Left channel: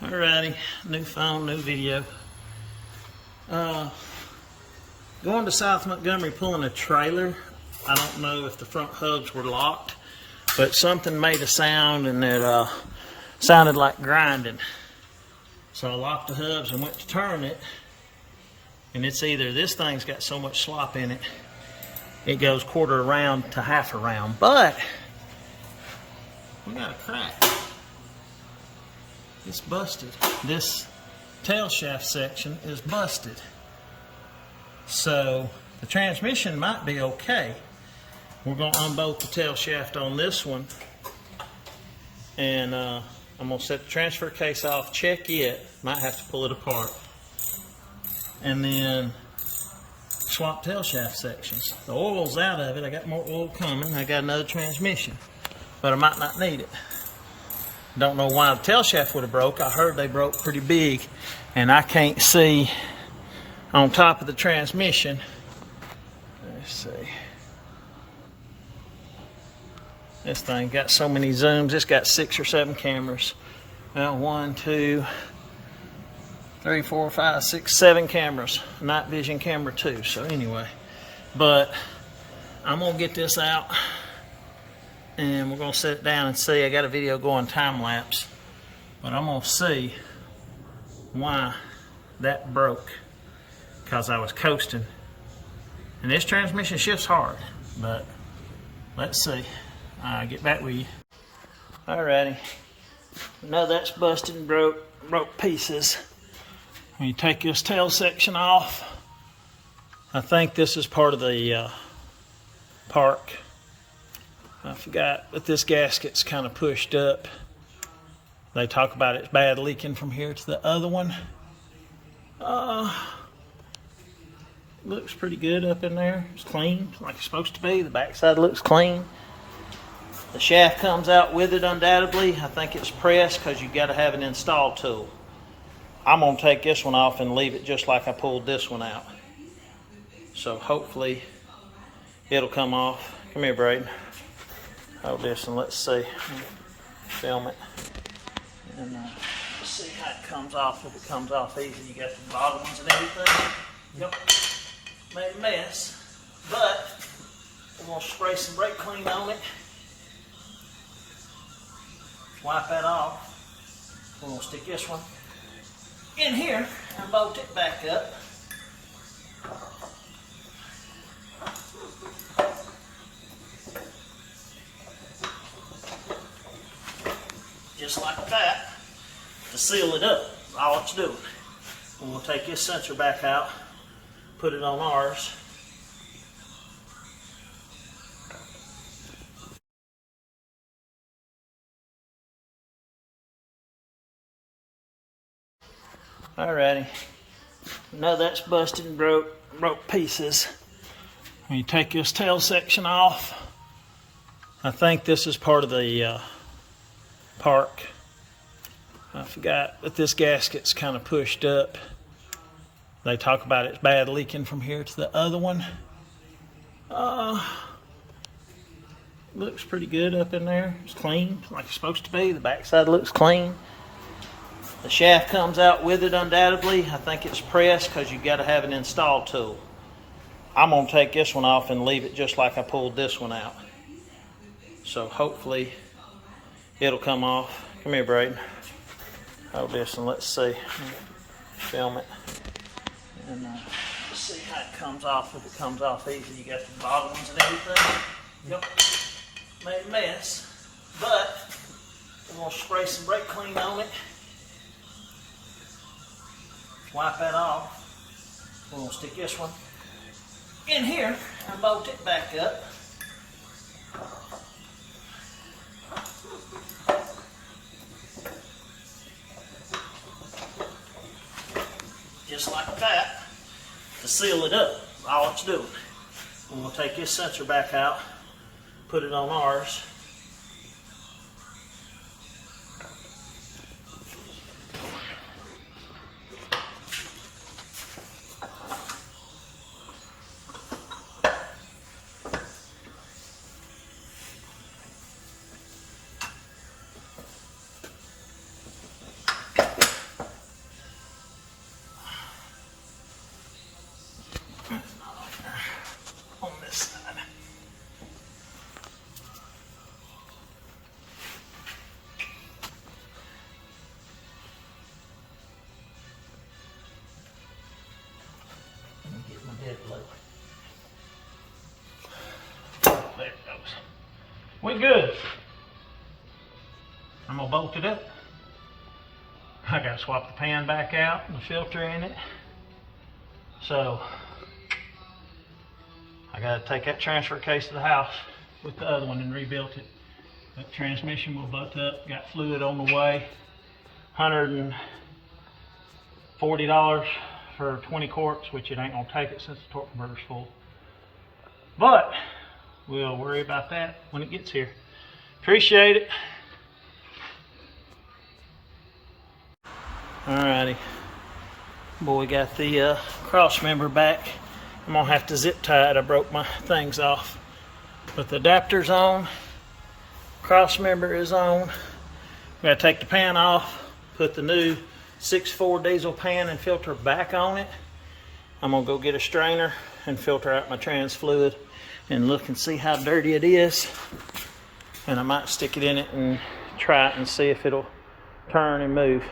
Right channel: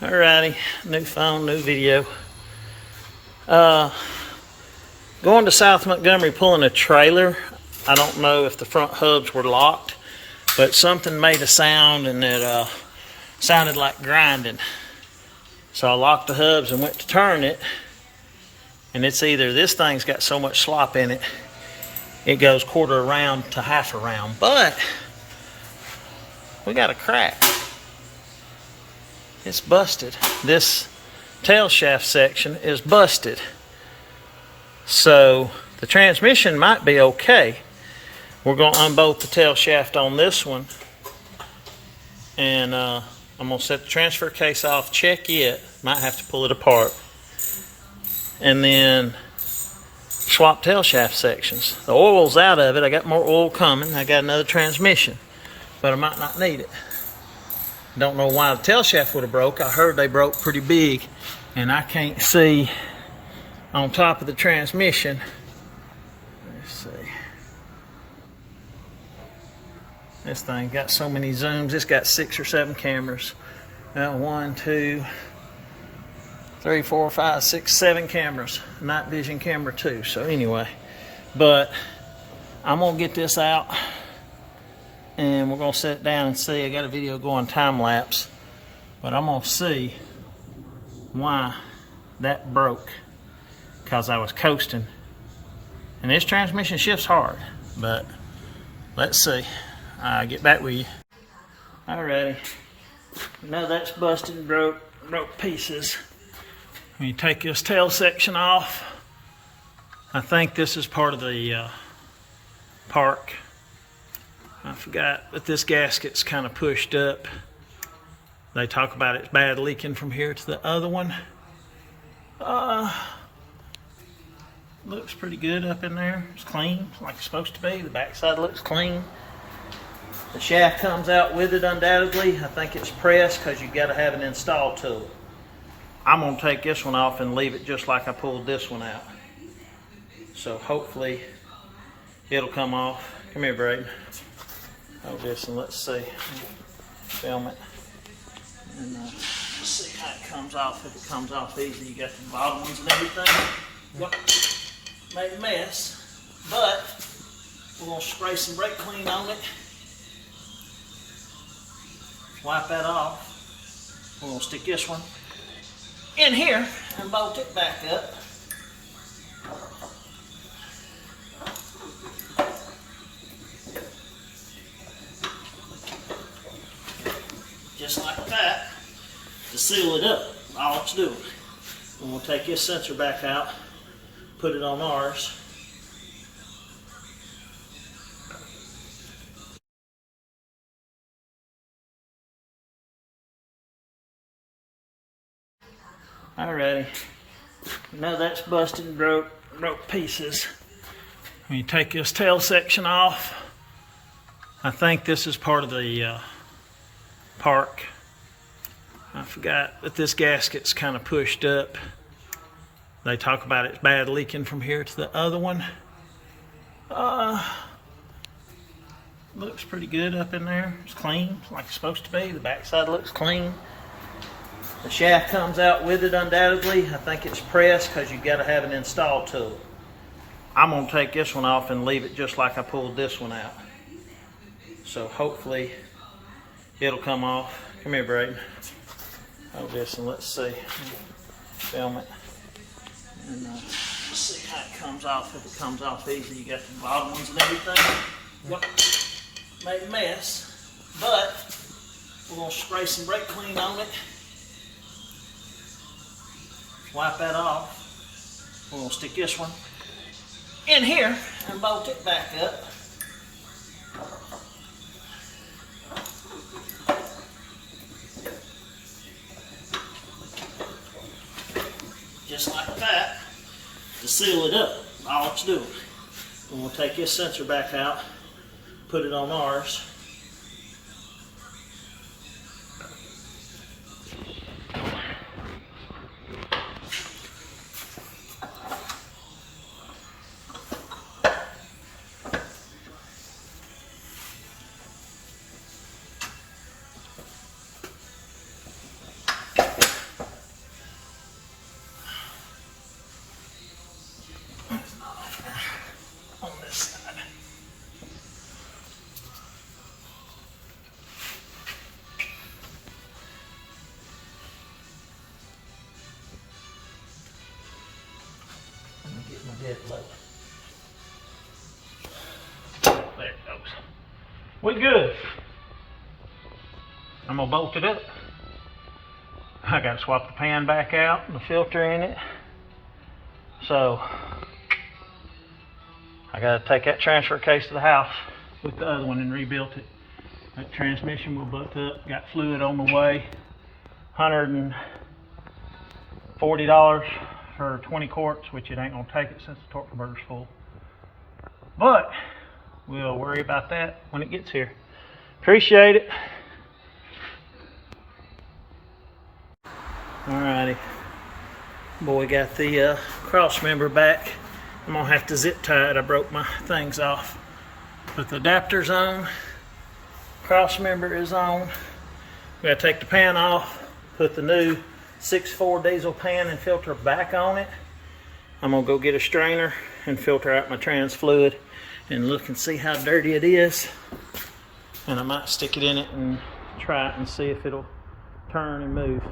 Alrighty, new phone, new video. Going to South Montgomery pulling a trailer. I don't know if the front hubs were locked, but something made a sound and it sounded like grinding. So I locked the hubs and went to turn it, and it's either this thing's got so much slop in it, it goes quarter around to half around, but we got a crack. It's busted. This tail shaft section is busted. So the transmission might be okay. We're going to unbolt the tail shaft on this one, and I'm going to set the transfer case off, check it, might have to pull it apart, and then swap tail shaft sections. The oil's out of it. I got more oil coming. I got another transmission, but I might not need it. Don't know why the tail shaft would have broke. I heard they broke pretty big, and I can't see on top of the transmission. Let's see. This thing got so many zooms. It's got 6 or 7 cameras. Well, 1, 2, 3, 4, 5, 6, 7 cameras. Night vision camera too. So anyway, but I'm gonna get this out, and we're gonna set it down and see. I got a video going time lapse, but I'm gonna see why that broke, because I was coasting, and this transmission shifts hard, but let's see. I'll get back with you. Alrighty, we know that's busted and broke pieces. When you take this tail section off, I think this is part of the park. I forgot, but this gasket's kind of pushed up. They talk about it's bad leaking from here to the other one. Looks pretty good up in there. It's clean, like it's supposed to be. The backside looks clean. The shaft comes out with it undoubtedly. I think it's pressed because you've got to have an install tool. I'm gonna take this one off and leave it just like I pulled this one out. So hopefully it'll come off. Come here, Braden. Hold this and let's see. Film it. And let's see how it comes off. If it comes off easy, you got the bottom ones and everything. Yep. Made a mess, but we're gonna spray some brake clean on it. Wipe that off. We're gonna stick this one in here and bolt it back up. Just like that, to seal it up, all it's doing. And we'll take this sensor back out, put it on ours. Alrighty, we know that's busted and broke pieces. When you take this tail section off, I think this is part of the park. I forgot, but this gasket's kind of pushed up. They talk about it's bad leaking from here to the other one. Looks pretty good up in there. It's clean, like it's supposed to be. The backside looks clean. The shaft comes out with it undoubtedly. I think it's pressed because you've got to have an install tool. I'm gonna take this one off and leave it just like I pulled this one out. So hopefully it'll come off. Come here, Braden. Hold this and let's see. Film it. And let's see how it comes off. If it comes off easy, you got the bottom ones and everything. Yep. Made a mess, but we're gonna spray some brake clean on it. Wipe that off. We're gonna stick this one in here and bolt it back up. Just like that, to seal it up, all it's doing. And we'll take this sensor back out, put it on ours. dead low. There it goes. We good. I'm gonna bolt it up. I gotta swap the pan back out and the filter in it. So I gotta take that transfer case to the house with the other one and rebuild it. That transmission will butt up, got fluid on the way. $140 for 20 quarts, which it ain't gonna take it since the torque converter's full. But we'll worry about that when it gets here. Appreciate it. Alrighty. Boy got the cross member back. I'm gonna have to zip tie it. I broke my things off. But the adapter's on. Cross member is on. We gotta take the pan off, put the new 6.4 diesel pan and filter back on it. I'm gonna go get a strainer and filter out my trans fluid and look and see how dirty it is. And I might stick it in it and try it and see if it'll turn and move.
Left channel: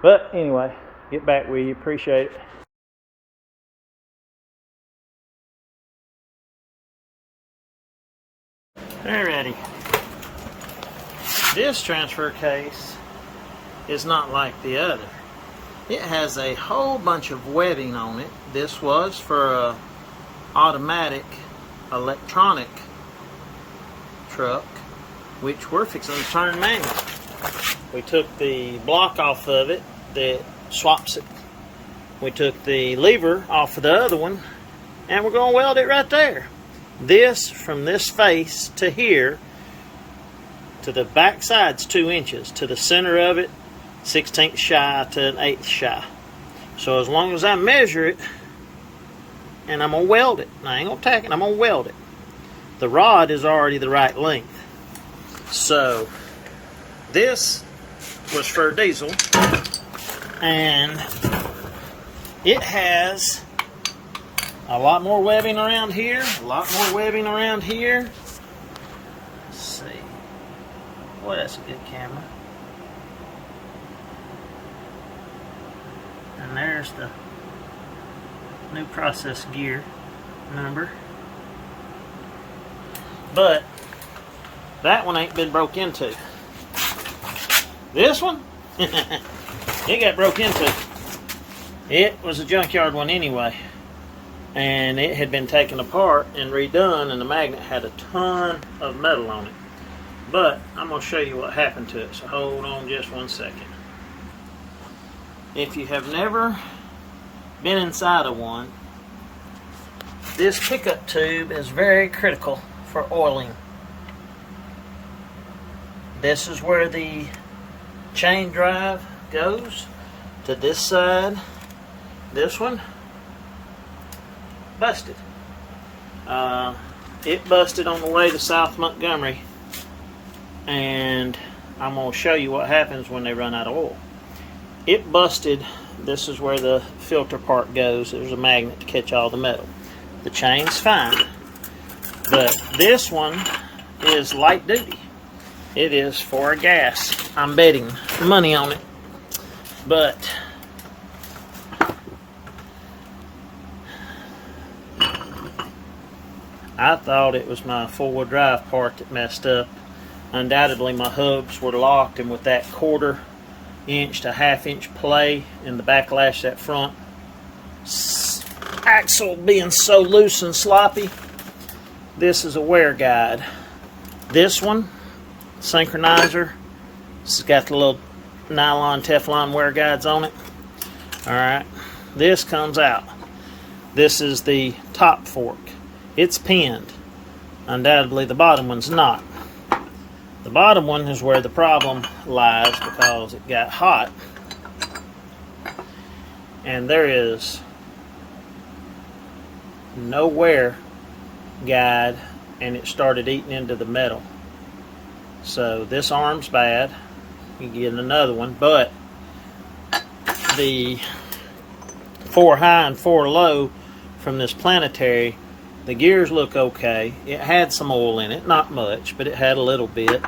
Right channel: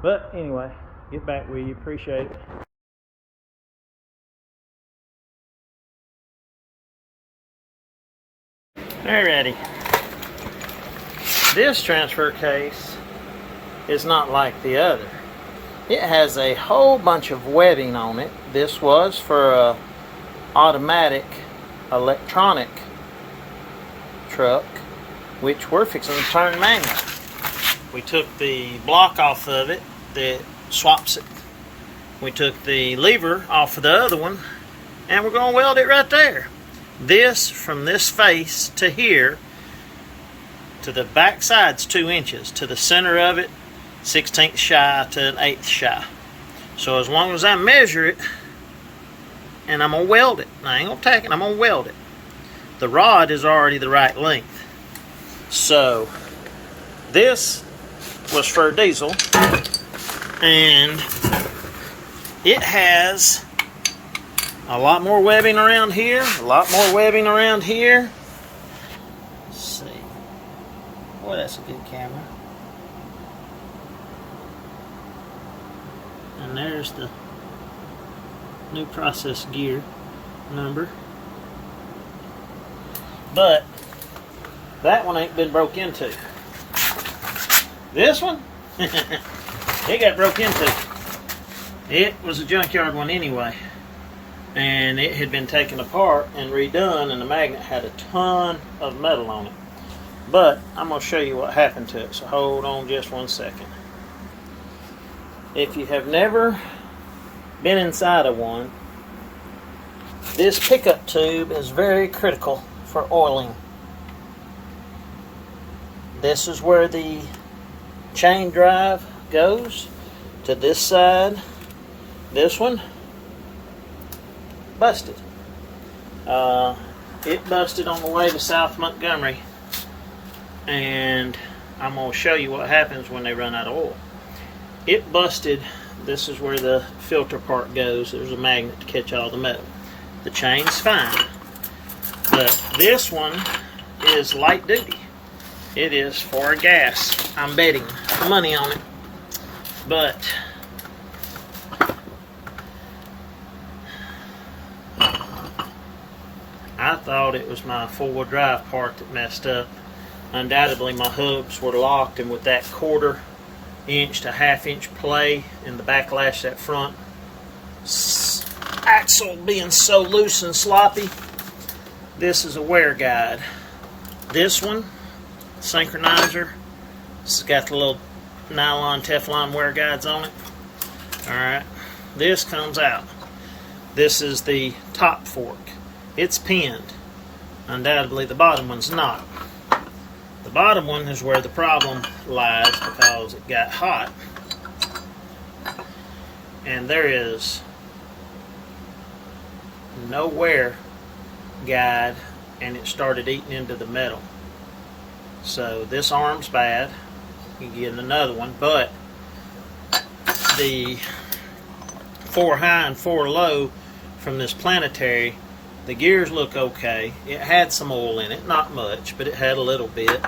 But anyway, get back with you. Appreciate it. Alrighty. This transfer case is not like the other. It has a whole bunch of webbing on it. This was for a automatic electronic truck, which we're fixing to turn manual. We took the block off of it that swaps it. We took the lever off of the other one, and we're going to weld it right there. This, from this face to here, to the back side's 2 inches. To the center of it, 1/16 shy to 1/8 shy. So as long as I measure it, and I'm going to weld it. I ain't going to tack it, I'm going to weld it. The rod is already the right length. So this was for diesel, and it has a lot more webbing around here, a lot more webbing around here. Let's see. Boy, that's a good camera. And there's the new process gear number. But that one ain't been broke into. This one, it got broke into. It was a junkyard one anyway. And it had been taken apart and redone, and the magnet had a ton of metal on it. But I'm going to show you what happened to it, so hold on just 1 second. If you have never been inside of one, this pickup tube is very critical for oiling. This is where the chain drive goes to this side. This one busted. It busted on the way to South Montgomery, and I'm going to show you what happens when they run out of oil. It busted. This is where the filter part goes. There's a magnet to catch all the metal. The chain's fine, but this one is light duty. It is for gas. I'm betting money on it. But I thought it was my four-wheel drive part that messed up. Undoubtedly my hubs were locked, and with that 1/4 inch to 1/2 inch play in the backlash that front axle being so loose and sloppy, this is a wear guide. This one, synchronizer, this has got the little nylon Teflon wear guides on it. Alright, this comes out. This is the top fork. It's pinned. Undoubtedly the bottom one's not. The bottom one is where the problem lies because it got hot. And there is no wear guide, and it started eating into the metal. So this arm's bad. You can get another one, but the 4 high and 4 low from this planetary, the gears look okay. It had some oil in it, not much, but it had a little bit.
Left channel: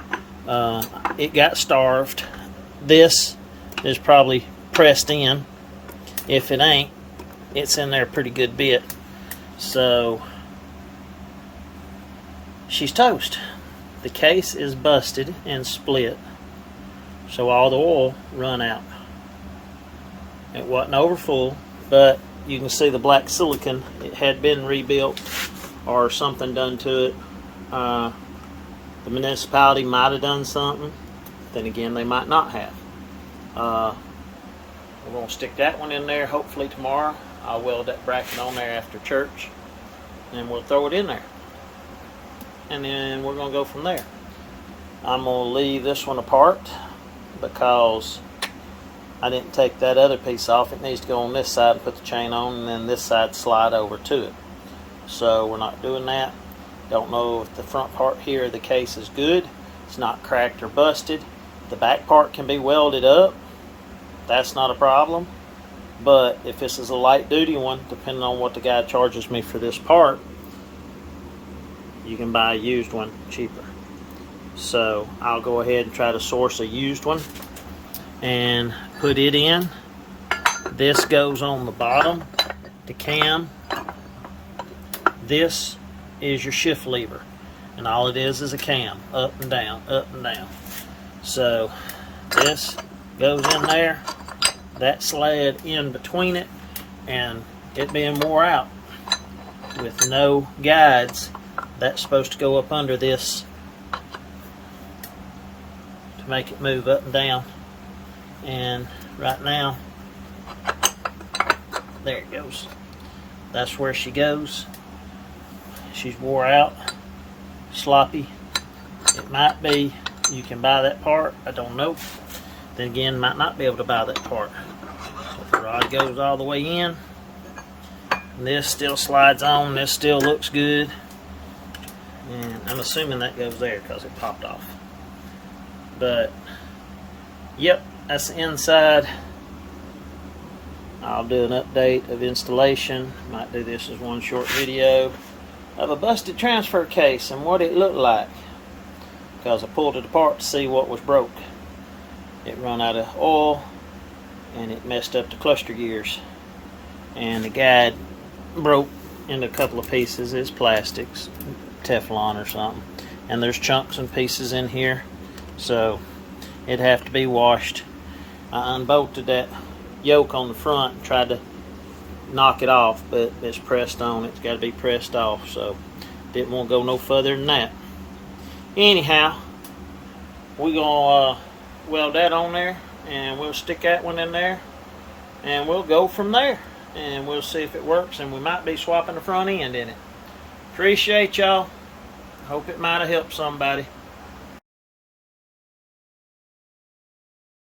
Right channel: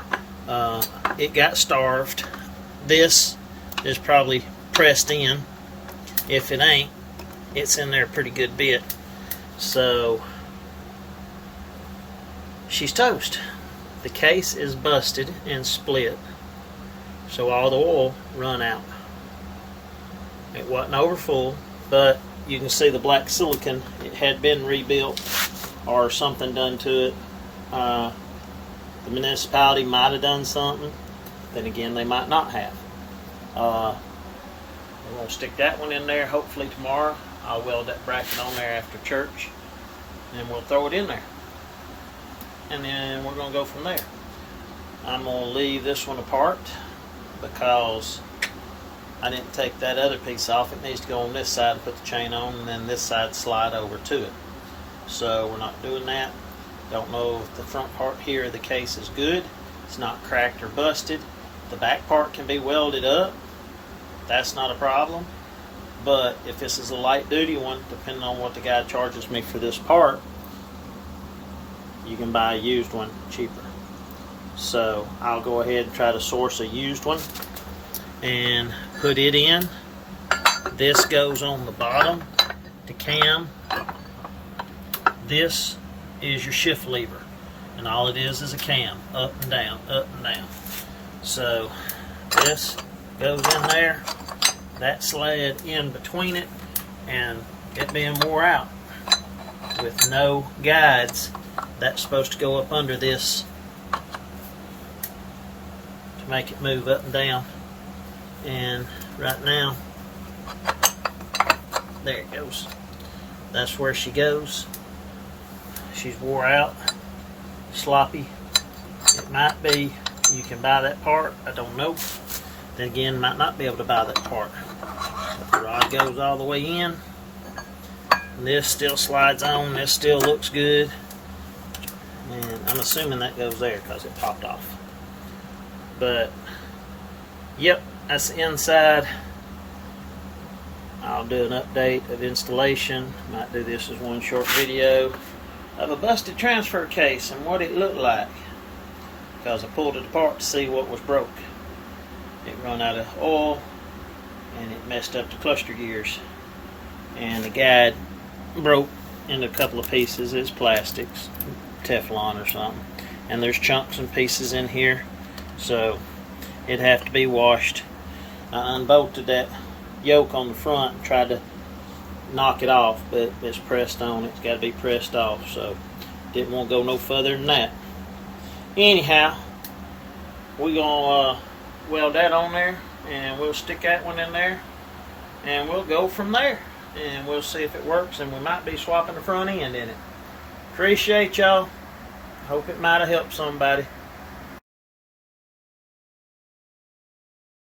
It got starved. This is probably pressed in. If it ain't, it's in there a pretty good bit. So she's toast. The case is busted and split, so all the oil run out. It wasn't over full, but you can see the black silicon. It had been rebuilt or something done to it. The municipality might have done something. Then again, they might not have. We're going to stick that one in there hopefully tomorrow. I'll weld that bracket on there after church, and we'll throw it in there. And then we're going to go from there. I'm going to leave this one apart because I didn't take that other piece off. It needs to go on this side and put the chain on, and then this side slide over to it. So we're not doing that. Don't know if the front part here of the case is good. It's not cracked or busted. The back part can be welded up. That's not a problem. But if this is a light duty one, depending on what the guy charges me for this part, you can buy a used one cheaper. So I'll go ahead and try to source a used one and put it in. This goes on the bottom, the cam. This is your shift lever, and all it is a cam, up and down, up and down. So this goes in there, that sled in between it, and it being wore out with no guides, that's supposed to go up under this to make it move up and down. And right now, there it goes. That's where she goes. She's wore out, sloppy. It might be you can buy that part, I don't know. Then again, might not be able to buy that part. But the rod goes all the way in. And this still slides on, this still looks good. And I'm assuming that goes there because it popped off. But, yep, that's the inside. I'll do an update of installation. Might do this as one short video of a busted transfer case and what it looked like, because I pulled it apart to see what was broke. It run out of oil and it messed up the cluster gears, and the guide broke into a couple of pieces. It's plastics, Teflon or something, and there's chunks and pieces in here, so it'd have to be washed. I unbolted that yoke on the front and tried to knock it off, but it's pressed on. It's got to be pressed off, so didn't want to go no further than that. Anyhow, we're going to weld that on there, and we'll stick that one in there, and we'll go from there, and we'll see if it works, and we might be swapping the front end in it. Appreciate y'all. Hope it might have helped somebody.